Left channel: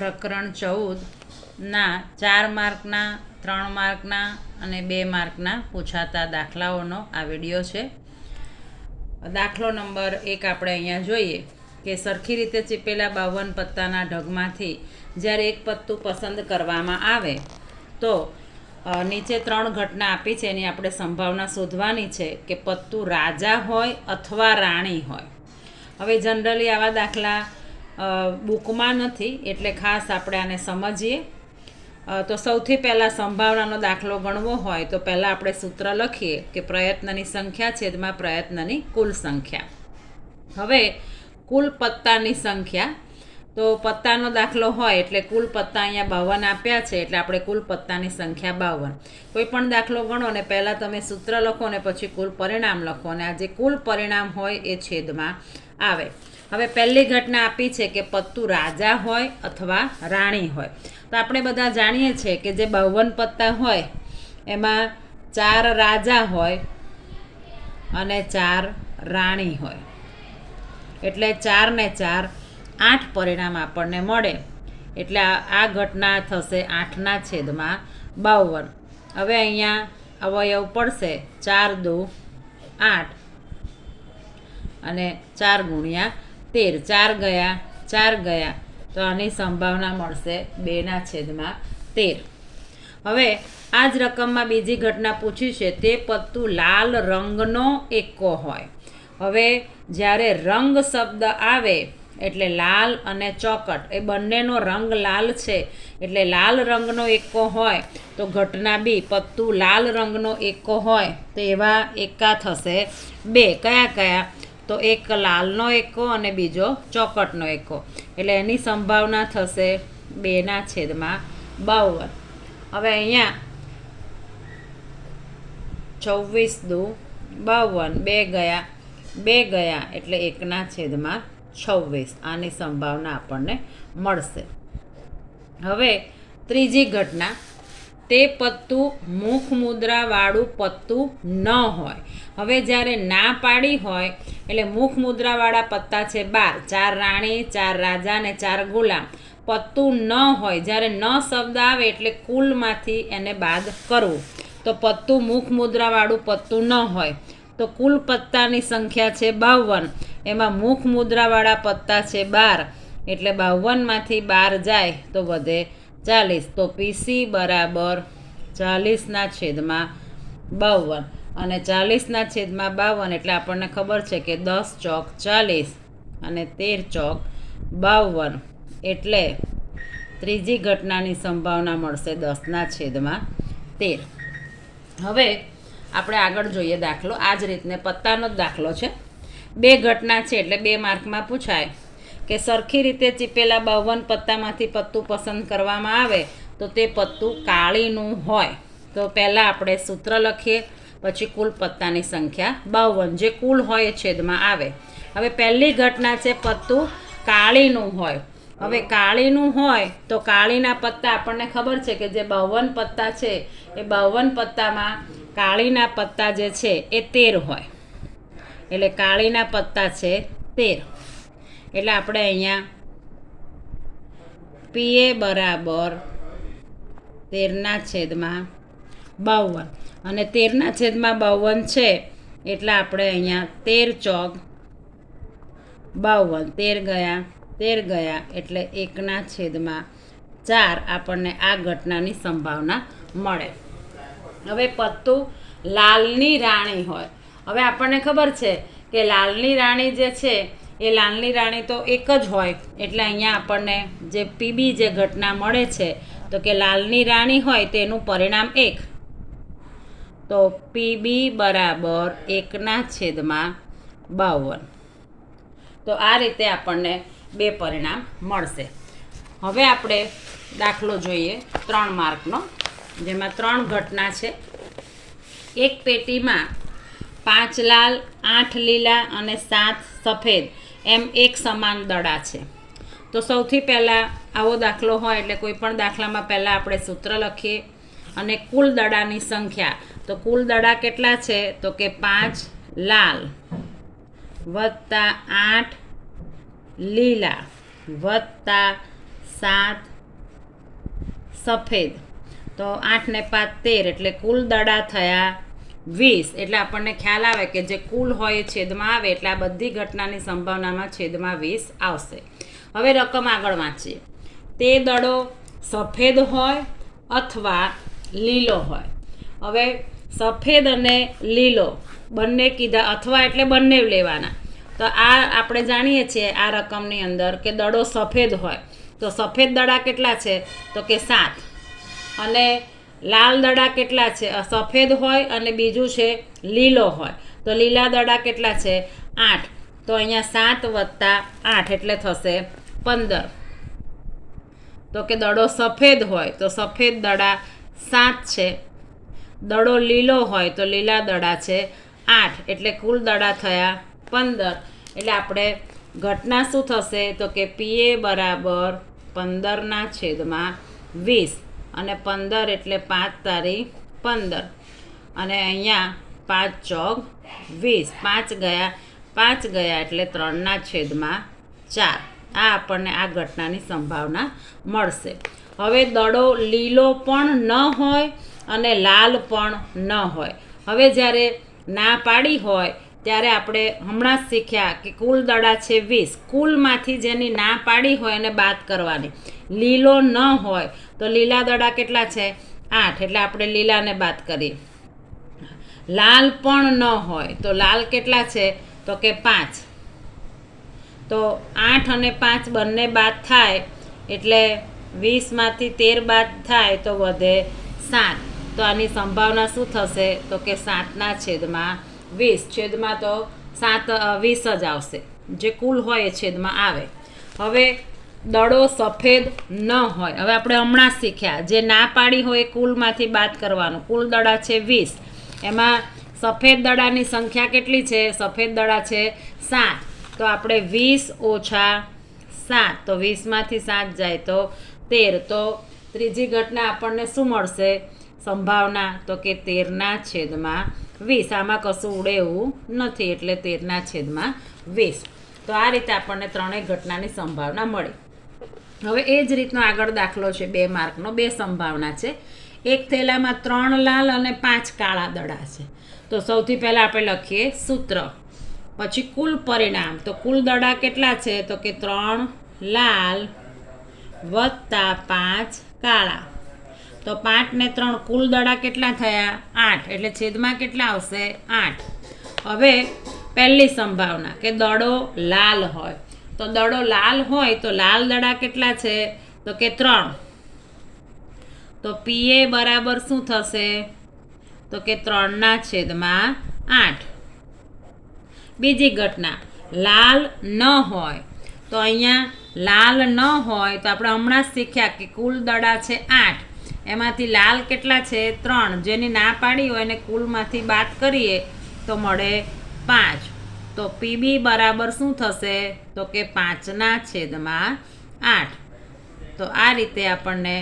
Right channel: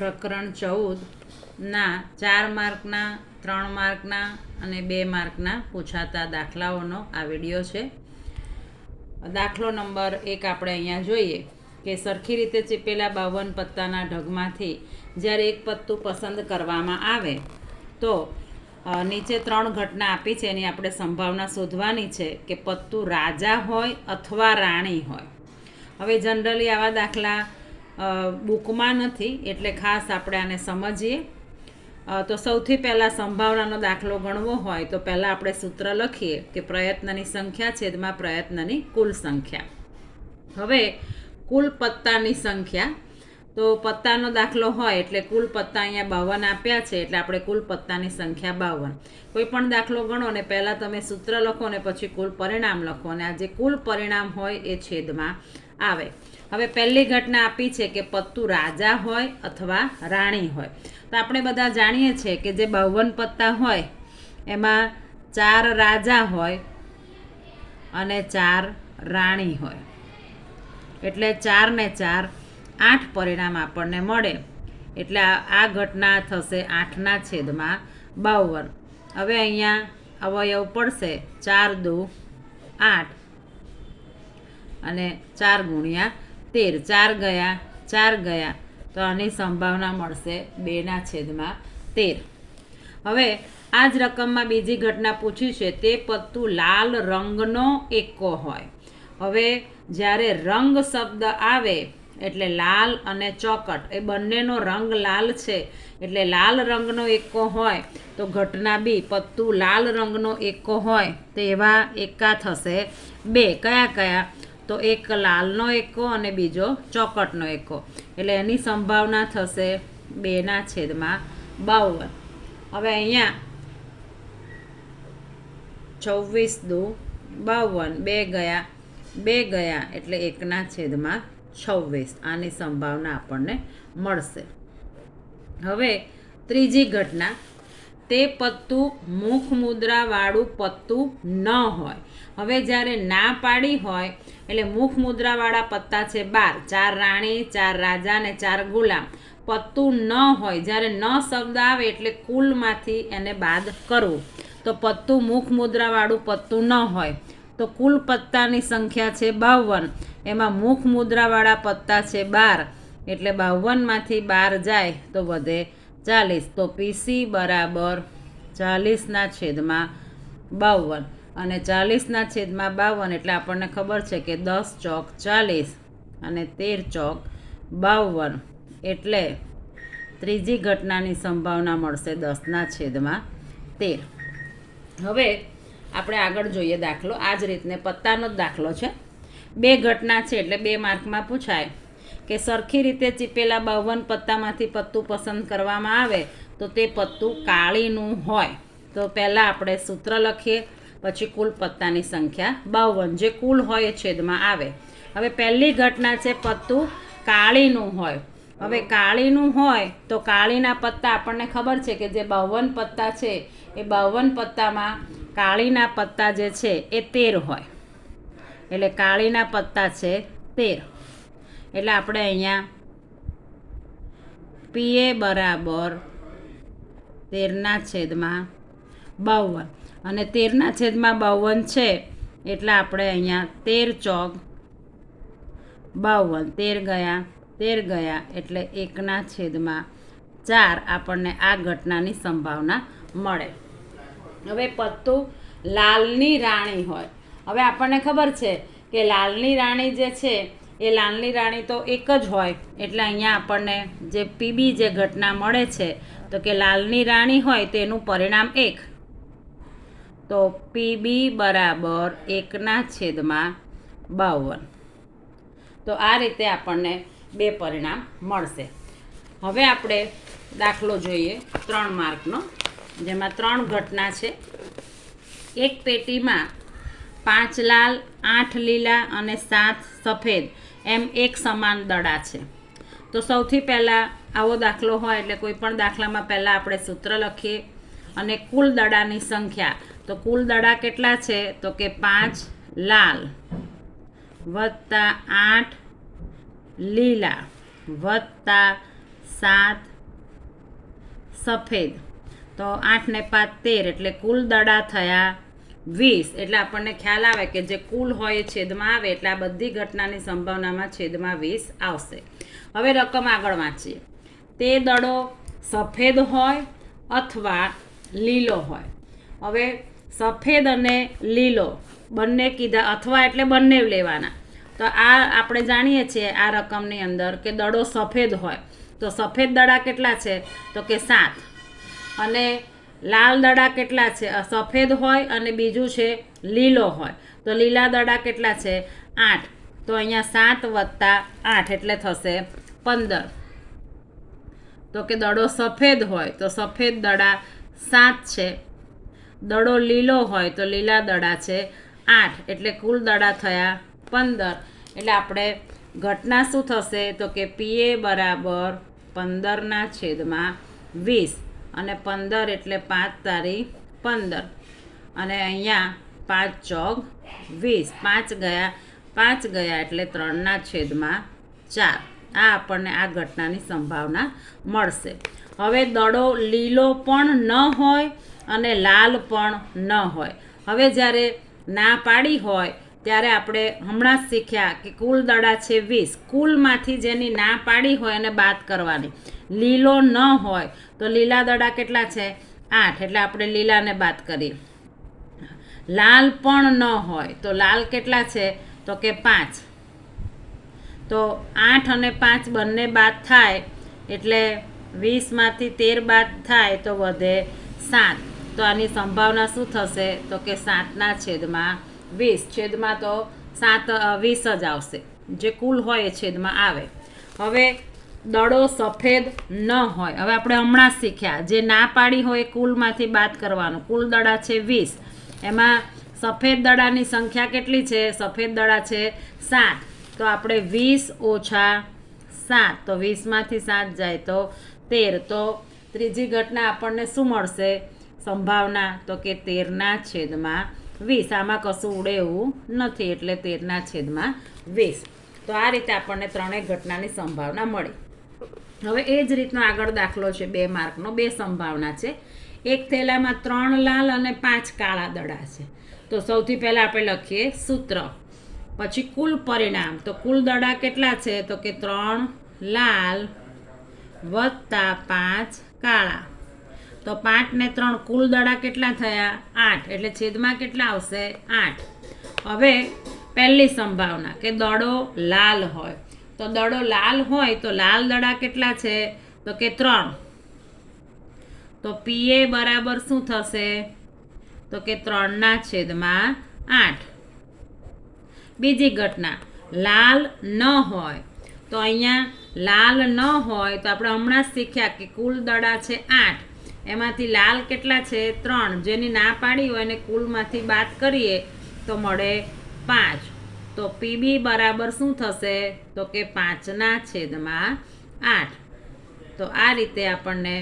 પ્રકરણ 14ના 4 માર્કના 3 માર્કના અને 2 માર્કના પૂછાતા દાખલાઓનો આ વિડીયો છે. દાખલો નંબર 1 આપણે અહીંયા જોઈએ કે સરખી રીતે ચીપેલા 52 પત્તાના ઢગમાંથી જ્યારે એક પત્તું પસંદ કરવામાં આવે તો નીચે 3 ઘટના આપી છે એની આપણે સંભાવના શોધવાની છે કે પત્તું રાજા હોય અથવા રાણી હોય. હવે જનરલી આવા દાખલા બુકમાં નથી એટલે ખાસ આપણે આને સમજીએ. તો સૌથી પહેલાં સંભાવનાનો દાખલો ગણવો હોય તો પહેલાં આપણે સૂત્ર લખીએ કે પ્રયત્નની સંખ્યા છેદમાં પ્રયત્નની કુલ સંખ્યા. હવે કુલ પત્તાની સંખ્યા, તો પત્તાનો દાખલો હોય એટલે કુલ પત્તા અહીંયા 52 આપ્યા છે એટલે આપણે કુલ પત્તાની સંખ્યા 52. કોઈ પણ દાખલો ગણો ને પહેલાં તમે સૂત્ર લખો ને પછી કુલ પરિણામ લખો અને આ જે કુલ પરિણામ હોય એ છેદમાં આવે. હવે પહેલી ઘટના આપી છે કે પત્તું રાજા હોય અથવા રાણી હોય. તો આપણે બધા જાણીએ છીએ કે જે 52 પત્તા હોય એમાં 4 રાજા હોય અને 4 રાણી હોય એટલે 4 ને 4 8 પરિણામ આપણને મળે. એટલે આ ઘટના થશે 8ના છેદમાં 52. હવે અહીંયા અવયવ પડશે 4 દુ 8 અને 4 ગુણ્યા 13. 4 ગયા 4 ગયા તો આની સંભાવના મળશે 2ના છેદમાં 13. હવે આ જ રકમમાં બીજી ઘટના પૂછી છે તે પત્તું લાલ રંગનો એકો હોય. હવે જ્યારે રંગ શબ્દ આવે એટલે લાલ અને ચોકટ એ બંનેનો રંગ લાલ છે એટલે લાલ રંગનો એકો હોય તો ઘટના બી પત્તું લાલ રંગનો એકો હોય તો એવા એકા થશે 2. કયા કયા? તો એક લાલનો એકો અને બીજો ચોકટનો એકો એટલે એની સંભાવના થશે 2ના છેદમાં 52. હવે અહીંયા 24 દુ 52 2 ગયા એટલે 1ના છેદમાં 26. આની સંભાવના આપણને મળશે. હવે ત્રીજી ઘટના, તે પત્તું મુખ મુદ્રાવાળું પત્તું ન હોય. હવે જ્યારે ના પાડી હોય એટલે મુખ મુદ્રાવાળા પત્તા છે 12, 4 રાણી 4 રાજા અને 4 ગુલામ. પત્તું ન હોય, જ્યારે ન શબ્દ આવે એટલે કુલમાંથી એને બાદ કરવું. તો પત્તું મુખ મુદ્રાવાળું પત્તું ન હોય તો કુલ પત્તાની સંખ્યા છે 52, એમાં મુખ મુદ્રાવાળા પત્તા છે 12 એટલે 52માંથી 12 જાય તો વધે 40. તો પીસી બરાબર 40ના છેદમાં 52 અને 40ના છેદમાં 52 એટલે આપણને ખબર છે કે 10 ચોક 40 અને 13 ચોક 52 એટલે ત્રીજી ઘટનાની સંભાવના મળશે 10ના છેદમાં 13. હવે આપણે આગળ જોઈએ દાખલો. આ જ રીતને પત્તાનો જ દાખલો છે. 2 ઘટના છે એટલે 2 માર્કમાં પૂછાય કે સરખી રીતે ચીપેલા 52 પત્તામાંથી પત્તું પસંદ કરવામાં આવે તો તે પત્તું કાળીનું હોય. તો પહેલાં આપણે સૂત્ર લખીએ પછી કુલ પત્તાની સંખ્યા 52 જે કુલ હોય એ છેદમાં આવે. હવે પહેલી ઘટના છે પત્તું કાળીનું હોય. હવે કાળીનું હોય તો કાળીના પત્તા આપણને ખબર છે કે જે 52 પત્તા છે એ 52 પત્તામાં કાળીના પત્તા જે છે એ 13 હોય એટલે કાળીના પત્તા છે 13. એટલે આપણે અહીંયા પીએ બરાબર 13ના છેદમાં 52 અને 13ના છેદમાં 52 છે એટલે આપણે અહીંયા 13 ચોક 52 13 ગયા એટલે 1ના છેદમાં 4 આપણને આ ઘટનાની સંભાવના મળે. હવે પત્તું લાલની રાણી હોય. હવે આપણને ખબર છે કે લાલની રાણી જે છે એ લાલની રાણી તો એક જ હોય એટલે અહીંયા આપણને જે પીબી જે ઘટના મળે છે તો કે લાલની રાણી હોય તેનું પરિણામ 1. તો પીબી બરાબર 1ના છેદમાં 52. તો આ રીતે આપણને 2 પરિણામ મળશે. હવે આપણે દાખલો જોઈએ 3 માર્કનો, જેમાં 3 ઘટના છે. એક પેટીમાં 5 લાલ 8 લીલા અને 7 સફેદ એમ એક સમાન દડા છે. તો સૌથી પહેલાં આવો દાખલો હોય એટલે કોઈ પણ દાખલામાં પહેલાં આપણે સૂત્ર લખીએ અને કુલ દડાની સંખ્યા. તો કુલ દડા કેટલા છે તો કે 5 લાલ વત્તા 8 લીલા વત્તા 7 સફેદ. તો 8 ને 5 13 એટલે કુલ દડા થયા 20. એટલે આપણને ખ્યાલ આવે કે જે કુલ હોય એ છેદમાં આવે એટલે આ બધી ઘટનાની સંભાવનામાં છેદમાં 20 આવશે. હવે રકમ આગળ વાંચીએ. તે દડો સફેદ હોય અથવા લીલો હોય. હવે સફેદ અને લીલો બંને કીધા, અથવા એટલે બંને લેવાના. તો આ આપણે જાણીએ છીએ આ રકમની અંદર કે દડો સફેદ હોય તો સફેદ દડા કેટલા છે તો કે 7, અને લાલ દડા કેટલા છે, સફેદ હોય અને બીજું છે લીલો હોય તો લીલા દડા કેટલા છે 8. તો અહીંયા 7 વત્તા 8 એટલે થશે 15. તો કે દડો સફેદ હોય તો સફેદ દડા 7 છે, દડો લીલો હોય તો લીલા દડા છે 8, એટલે કુલ દડા થયા 15. એટલે આપણે ઘટના શું થશે તો કે PA બરાબર 15/20, અને 15 એટલે 5 તારી 15, અને અહીંયા 5 ચોક 20, 5 ગયા એટલે 3/4. આ આપણને આ ઘટનાની સંભાવના મળશે. હવે દડો લીલો પણ ન હોય અને લાલ પણ ન હોય. હવે જ્યારે ના પાડી હોય ત્યારે આપણે હમણાં જ શીખ્યા કે કુલ દડા છે 20, કુલમાંથી જેની ના પાડી હોય એને બાદ કરવાની. લીલો ન હોય તો લીલા દડા કેટલા છે 8, એટલે આપણે લીલાને બાદ કરીએ. લાલ પણ ન હોય તો લાલ કેટલા છે તો કે 5. તો 8 અને 5 બંને બાદ થાય એટલે 20માંથી 13 બાદ થાય તો વધે 7. તો આની સંભાવના શું થશે તો કે 7/20. છેદમાં તો 20 જ આવશે, જે કુલ હોય એ છેદમાં આવે. હવે દડો સફેદ ન હોય. હવે આપણે હમણાં શીખ્યા જે ના પાડી હોય એ કુલમાંથી બાદ કરવાનું. કુલ દડા છે 20, એમાં સફેદ દડાની સંખ્યા કેટલી છે, સફેદ દડા છે 7. તો આપણે 20 ઓછા 7, તો 20માંથી 7 જાય તો 13. તો ત્રીજી ઘટના આપણને શું મળશે સંભાવના તો કે 13/20. આમાં કશું ઉડે એવું નથી એટલે 13/20. તો આ રીતે આપણને ત્રણેય ઘટનાની સંભાવના મળી. હવે એ જ રીતનો આગળ દાખલો છે 2 માર્કનો. 2 સંભાવના છે. એક થેલામાં 3 લાલ અને 5 કાળા દડા છે. તો સૌથી પહેલાં આપણે લખીએ સૂત્ર, પછી કુલ પરિણામ. તો કુલ દડા કેટલા છે તો કે 3 લાલ વત્તા 5 કાળા. તો 5 ને 3 કુલ દડા કેટલા થયા 8, એટલે છેદમાં કેટલા આવશે 8. હવે પહેલી સંભાવના કે દડો લાલ હોય. તો દડો લાલ હોય તો લાલ દડા કેટલા છે તો કે 3. તો PA બરાબર શું થશે તો કે 3/8. બીજી ઘટના લાલ ન હોય. તો અહીંયા લાલ ન હોય તો આપણે હમણાં જ શીખ્યા કે કુલ દડા છે 8, એમાંથી લાલ કેટલા છે 3, જેની ના પાડી હોય એને કુલમાંથી બાદ કરીએ તો મળે 5. તો PB બરાબર શું થશે તો કે 5/8. તો આ રીતે આપણને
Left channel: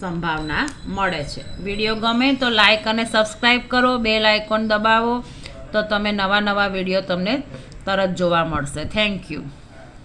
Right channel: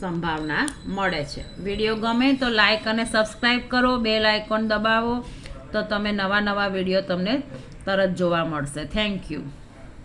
સંભાવના મળે છે. વિડીયો ગમે તો લાઈક અને સબસ્ક્રાઈબ કરો, બેલ આઇકોન દબાવો તો તમે નવા વિડીયો તમને તરત જોવા મળશે. Thank you.